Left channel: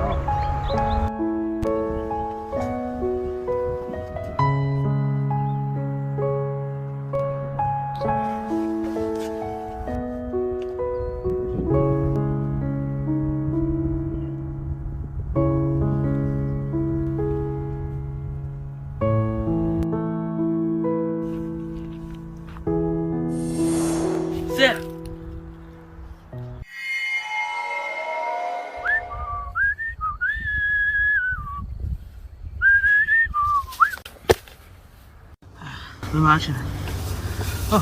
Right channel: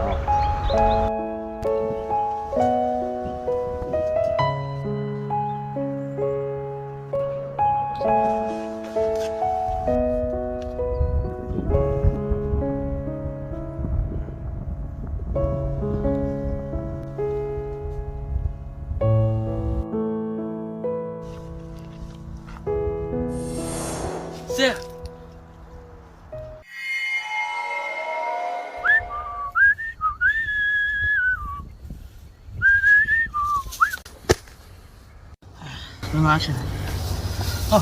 啊。是。能拿起来。哦，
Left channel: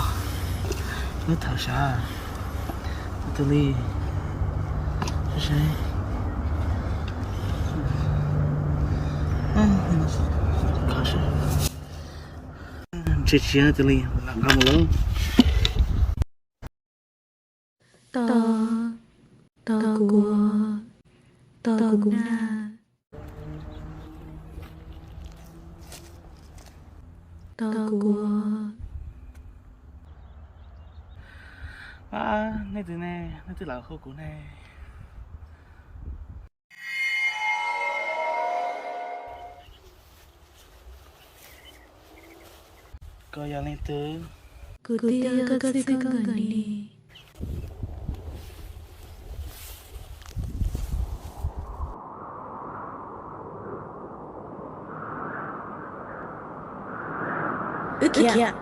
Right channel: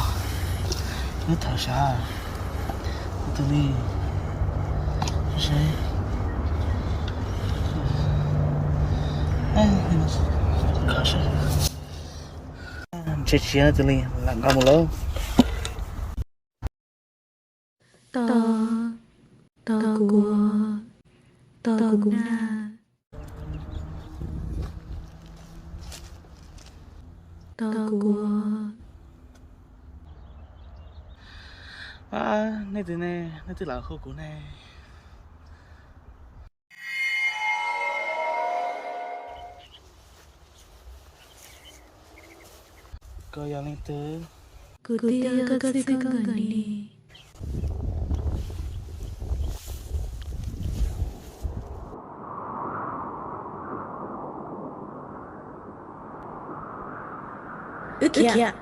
你头啥？这里是谁？你们是考试。这钱这里làm không lâu. Ta của na ta của Này từ này, này từ là khâu của này. Coi giờ lên từ. của tia các sĩ con gần đi. Kìa.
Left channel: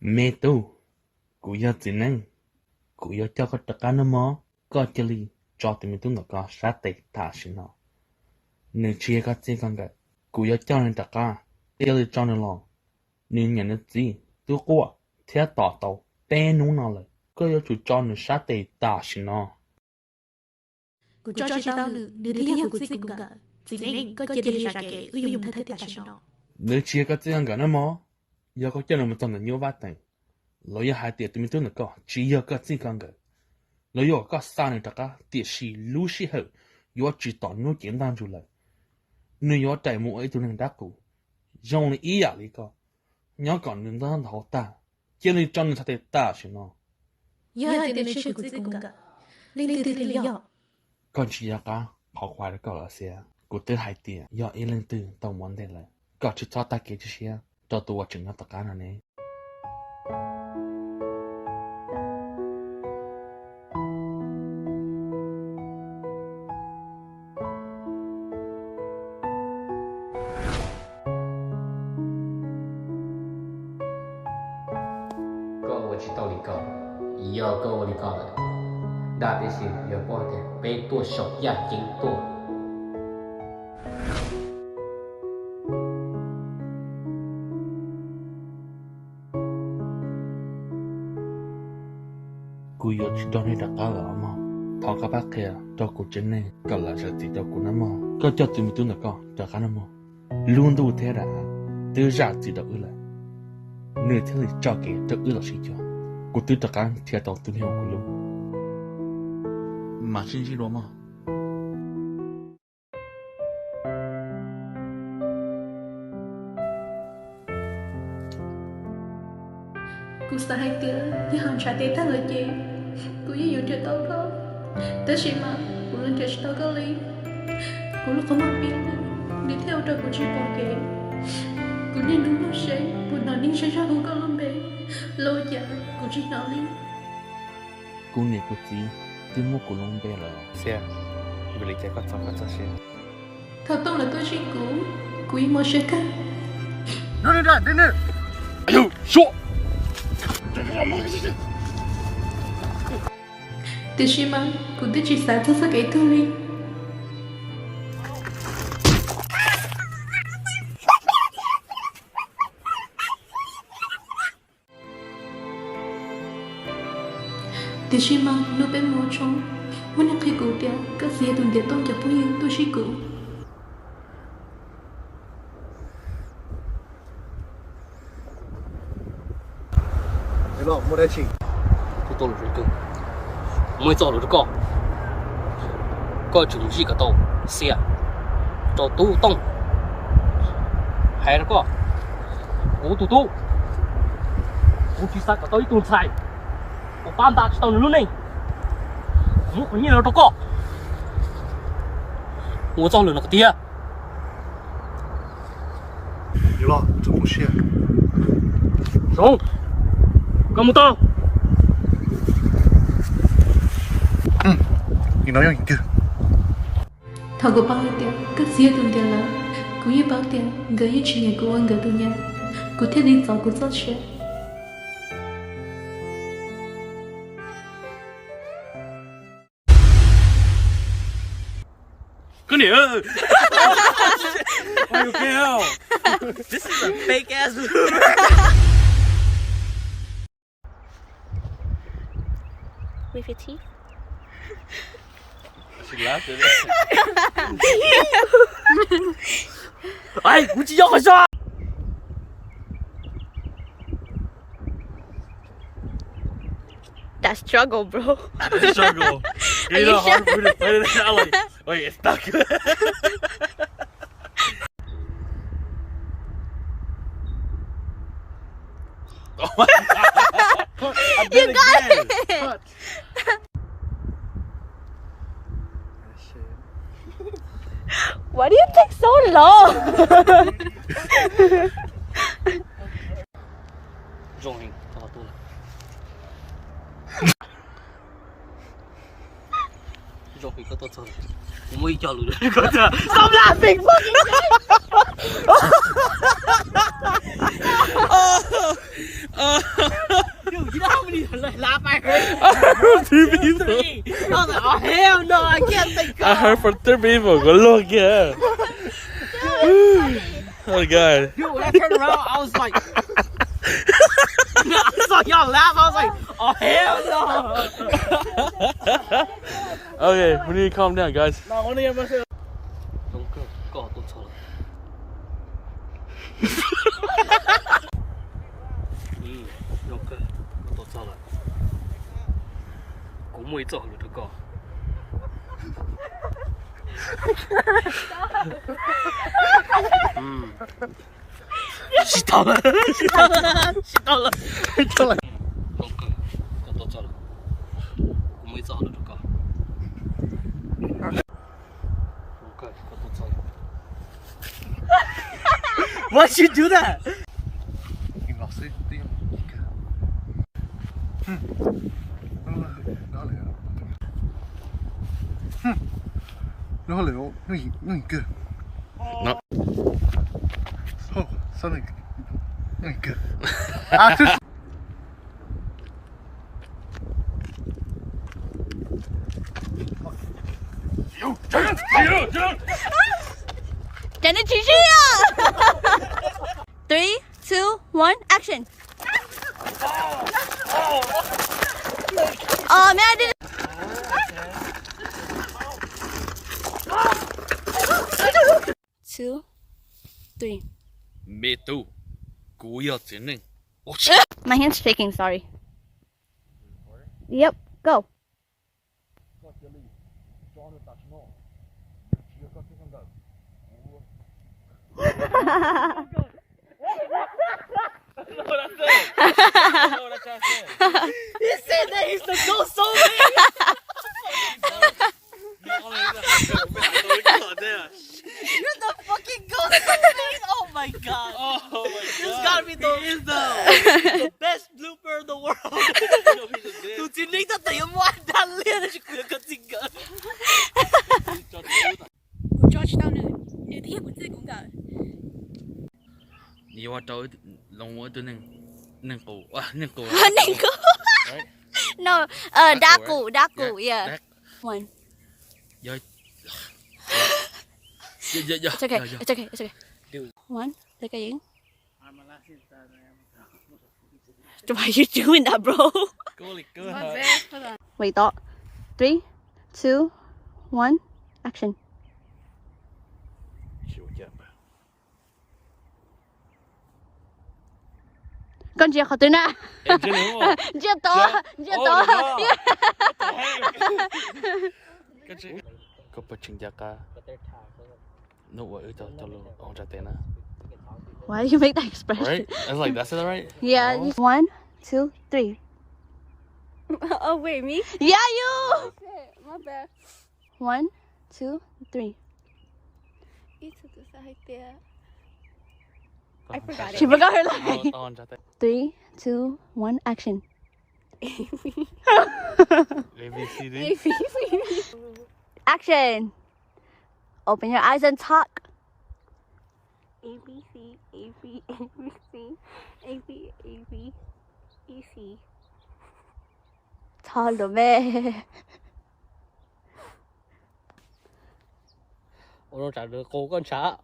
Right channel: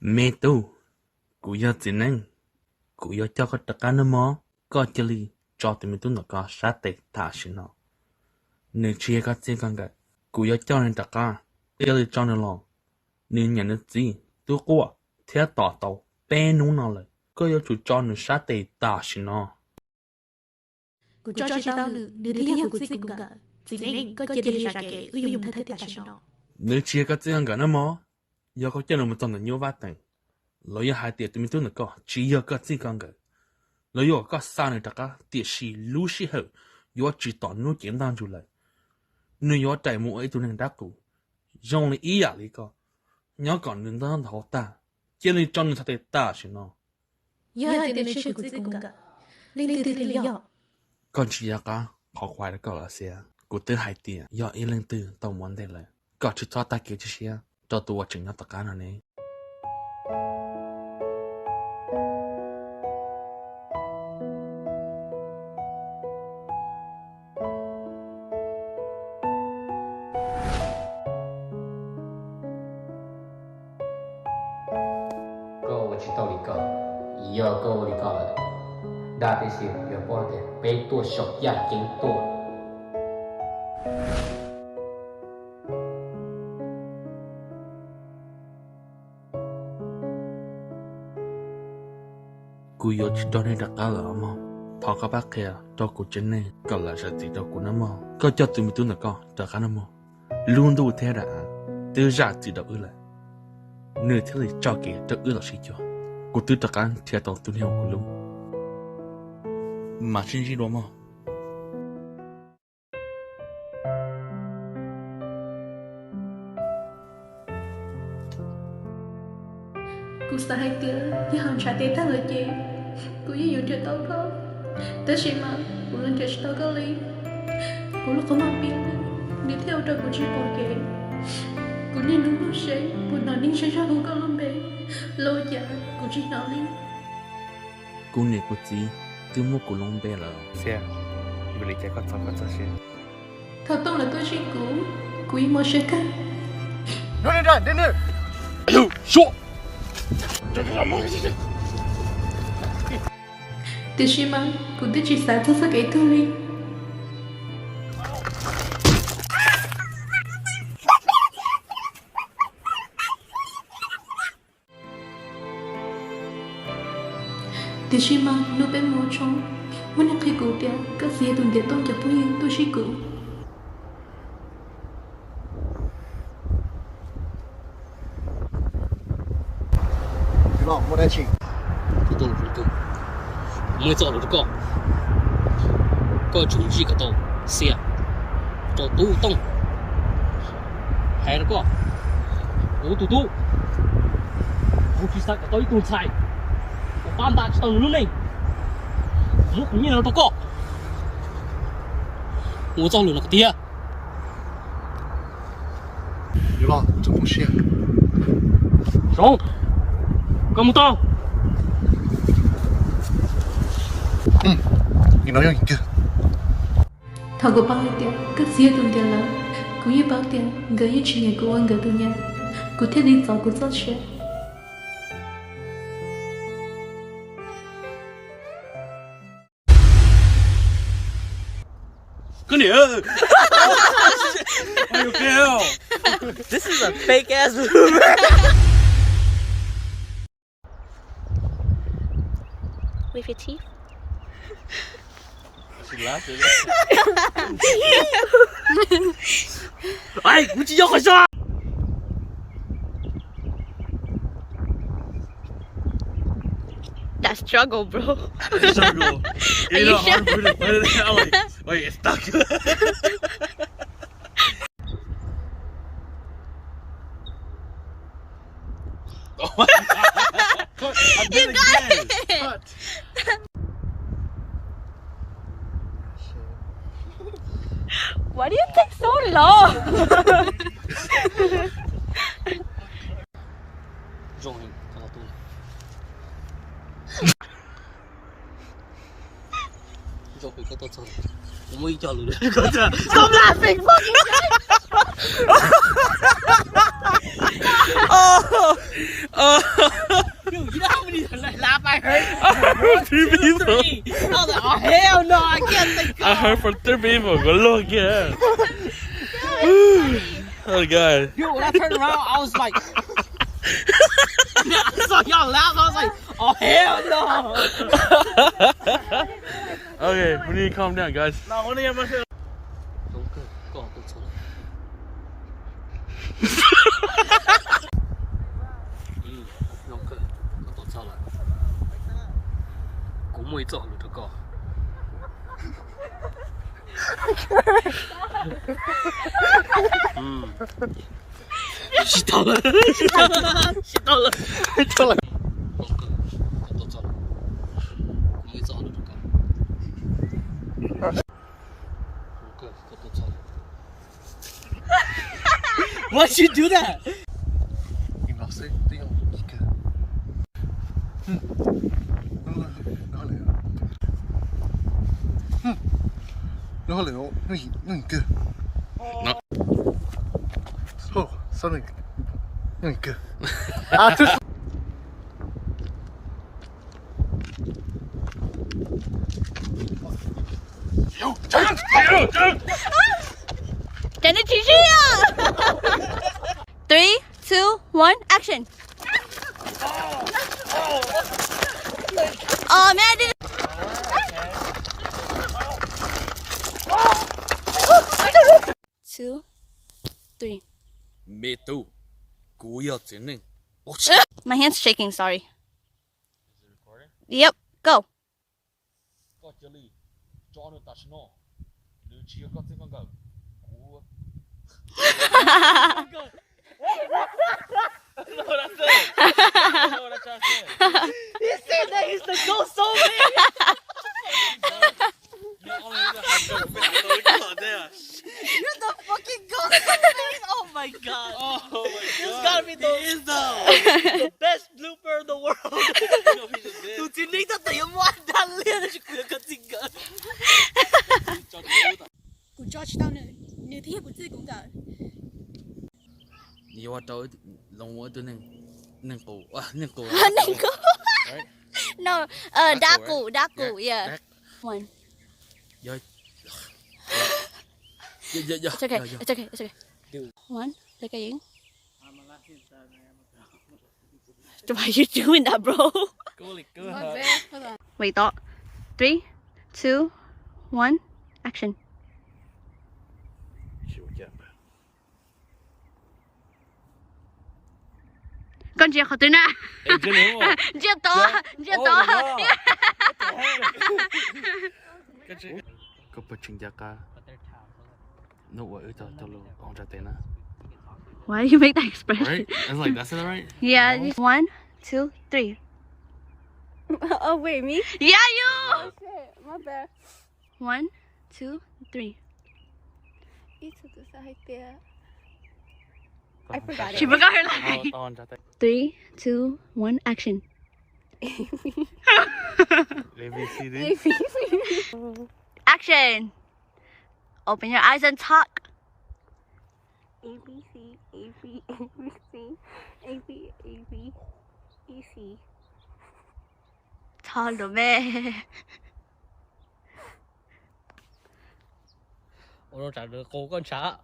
Mẹ tu, cụ yêu tiền năng, cụ yêu cho cái tất cả nó mò, có chơi li, cho tụi mình tu nó có sát tệ thả xin nó. Nếu chia cái gì con cái, cụ yêu cho nên tất cả, yêu li cho nên lo, nếu nhận được gì, tu qua, theo tỏ tàu, bên nung nó lại, có yêu chủ cho nên sát tệ thả xin nó. Cụ cho chị tao nữa, nếu thấy của sĩ cũng cả, chỉ nên có chơi đi ra kể, dùng thay thả xin nó. Nếu chia cái gì con cái nó mò, yêu có cho nên mình toàn là nhiều vắt tình. Lời hai tiệt tụi mình tu nó có, chỉ yêu cái gì con cái. Lời yêu có sao này tất cả, tiệt sĩ lú sĩ hậu, yêu chỉ tỏ nó简单出来。nếu yêu đại mũ ấy tụi mình đã cụ, dùng lý ý à lý có, nhớ còn nên đó thấu ta, chỉ lý cho nên thật ta xin nó. Yêu hai tiệt nên của sĩ cũng cả, linh tư thì yêu. Còn chỉ yêu có, họ khoai được có là xe, cụ tư hai tiệt, yêu ý linh tư, tao muốn đây là, có chỉ cho ta kể cho xe, cho tôi chừng nó tất cả nó này.我知道你讲，以后跟我你讲了，大的是要把的被多少眼睛多。Cụ yêu chỉ cho nên tất cả là mà, thằng các bác kia, cho cụ chân này, còn là sự gì cho cụ nó mà, có cho tụi mình tu nó có, cho cả nó mà, luôn đủ thế đã, từ ra chỉ đâu ư lại. Nơi thế này cho kể cho ư là gì cho, cụ tư tất cả theo tàu tuân theo cụ luôn, mà xin gì đó mà. Cụ sẽ hai tiệt, nhưng hàng trả tiền thằng là gì? Cụ yêu nhiều chuyện tao có, tới khi mà cụ lên chuyện tao có lý, cụ lúc không mang biết, đi theo cho cụ chỉ bỏ kệ. Cụ nên đúng lúc sẽ, cụ nói nên sẽ ra cụ có luôn bé, lâu giờ cụ chỉ nói đi. Cụ nghĩ cụ gì, từ một cụ long bé là. Xe, vì lý cái có cho xe. Thật tông là tôi chỉ cụ ý mua xe cả. Đến đây. Ayuh, xuống. Từ khi mà cụ tôi chỉ xả thật sự cái thôi. Từ khi mà nó bên mua trong, muốn ăn khi cụ kia, các gì tuần tiệt tông chập vui tôi chỉ cụ. Rồi, mua đây chị. Cô tôi là cô, mới cho được con. có chúng gì cái tàu xe cho tu tông hay là có cú tu cú chỉ sao cái tàu tu sai cú ban đạt tàu luôn này muốn có nhiều đâu có我找了那个爹。有了，这红线。上，干不到。你能让一个？ Thằng của bao tiền, các xía tuần tiền là, cũng như bao tiền, gửi như chuyện nhà của anh gửi tuần nhà, cũng thiết đi gió của gió chuyện. Cái này ơi. Why you kill? This is a fake ass movie. With your teeth? Ai, cũng chỉ có sao? That struggle, bro. Struggle. Are You you know how to sure? put it. Like it's stuck. Oh my God. I did it again. Why do you take so long? Rồi, có tôi lại. Rồi có tôi chơi. Cũng mới cho lửa có chưa? Stop laughing, fucking Dude, you know how many laugh I heard? One, two, three. I was like, oh hell no, I can't think I heard from 3 people. Good look, yeah. Oh God. Dude, when I turned around, I was like, I saw y'all laugh. I was like, oh hell no. Okay, we need to calm down, guys. Đúng cơ, có tôi chơi. Đúng cơ, có tôi chơi lại. Cũng mới chơi được cơ. Chị tao了. Chị tao了. Đúng cơ, có tôi chơi lại. Cũng mới chơi được cơ. Why'd you do that? 你们老师只用一个。然后嘞，用一个。那哦，算了，用一个。啊，这。真的继续呀！3, 2, 1, action! Oh man, I didn't. 2, 3. Me too. กู要真人。 My hand's shaking. Sorry. Yep. Go. ก็เจอรี่จอห์นตัชโน่หรือเชียร์ก็ที่กันกับกู He said that he's the ghost soul man. You're the fucking ghost. Oh my god. Oh my This God. gotta be the best blooper in the world. Tụi chị Linh ta tỉ ngoan đàn liên thì cửa cơ tình cơ. Của Georgetown này, nếu thế của chị cũng cả. 你話到龍我對能夠啊能夠 Ninko. No, Daku, yeah. One. Yeah. It's okay, it's okay, it's okay. One, look at you. Why are you doing that, bro? Wait, thought. 3, 2, 1, action. 跟住學對啦，真係喎，你知道，你知道，個 Có bật trình giá cả. No, cho lo on ra tên à. Why do you make that expression? Right? I was like, that's it, right? Yeah. No? 1, 2, 3. Oh wait, me? Yeah, you. Oh shit, my bad. 1, 2, 3. I forgot She it. forgot her line. On ra tên. 3, 2, 1, action. ABCD. Action. Open your eyes and talk. A B C A B A B C A B A B E C. Thalo me. Ủa trả được cô con xã.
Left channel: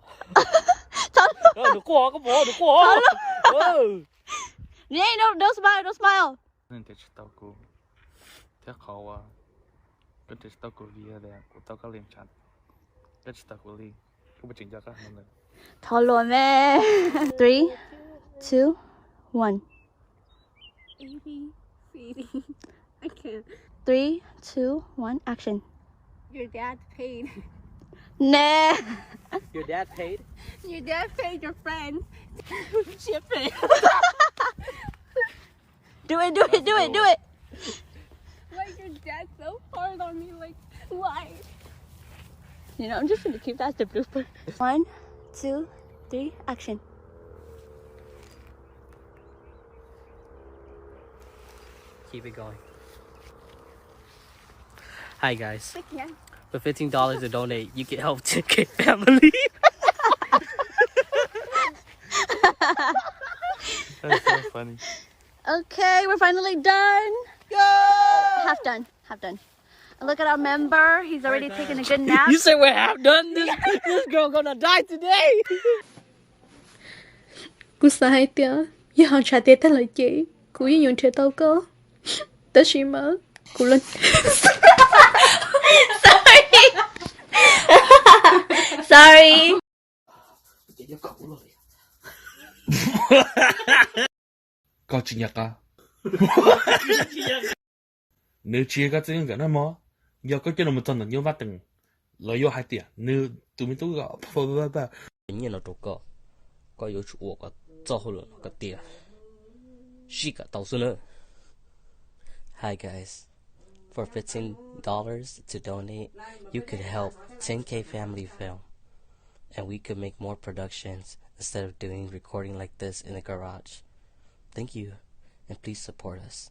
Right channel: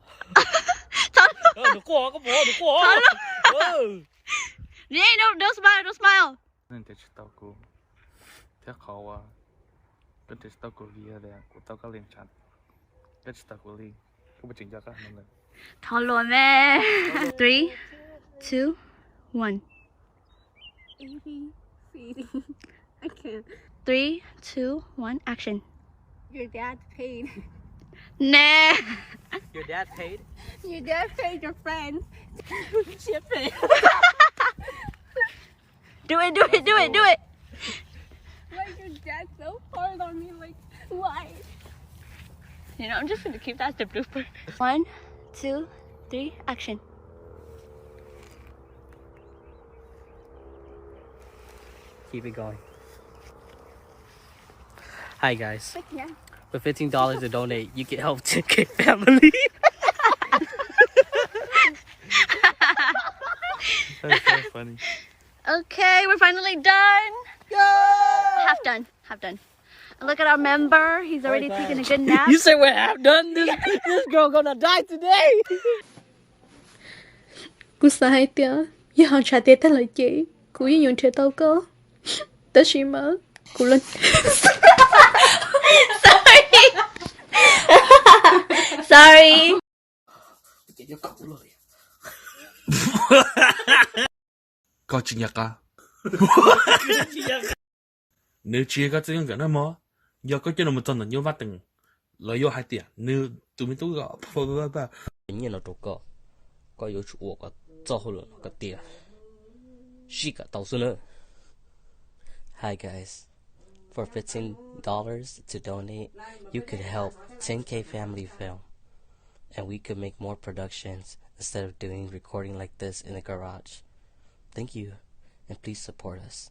Thalo. Được qua có bỏ được qua. Yeah, don't smile, don't smile. Nên để tao cô. Thế khó à. Cái để tao cô vía đây, của tao có liền chặt. Cái tao cô liền. Có bật trình giá cả nên là. Thalo me. 3, 2, 1. A B C D. I can't. 3, 2, 1, action. Your dad paid. Nah. Your dad paid. Your dad paid your friends. Shit paid. Do it, do it, do it, do it. Why is your dad so hard on me? Like, why? You know, I'm just gonna keep that as the blooper. 1, 2, 3, action. Keep it going. Hi guys. Like, yeah. For $15 to donate, you can help 10K family. That's so funny. Okay, we're finally done. Half done, half done. And look at our member. He's already taking a good nap. You say we're half done? This girl gonna die today. Cú sai tia, giờ họ trả tiền tới lại chị. Cú yên dùng chơi tao cơ. Tao chỉ mở. Cú lên. Sorry. Sorry. Có trình giá cả. Nếu chia cái tiếng cái nó mò, giờ có cho nó một tuần là nhiều vắt từng. Lợi yêu hai tiền, nếu tụi mình tôi gọi. Nhìn nó trục có yếu chủ có cho hồ lượng cái tiền. She got $1,000. Hi guys. For $15 to donate, you could help 10K family film. And we could make more productions instead of doing recording like this in the garage. Thank you, and please support us.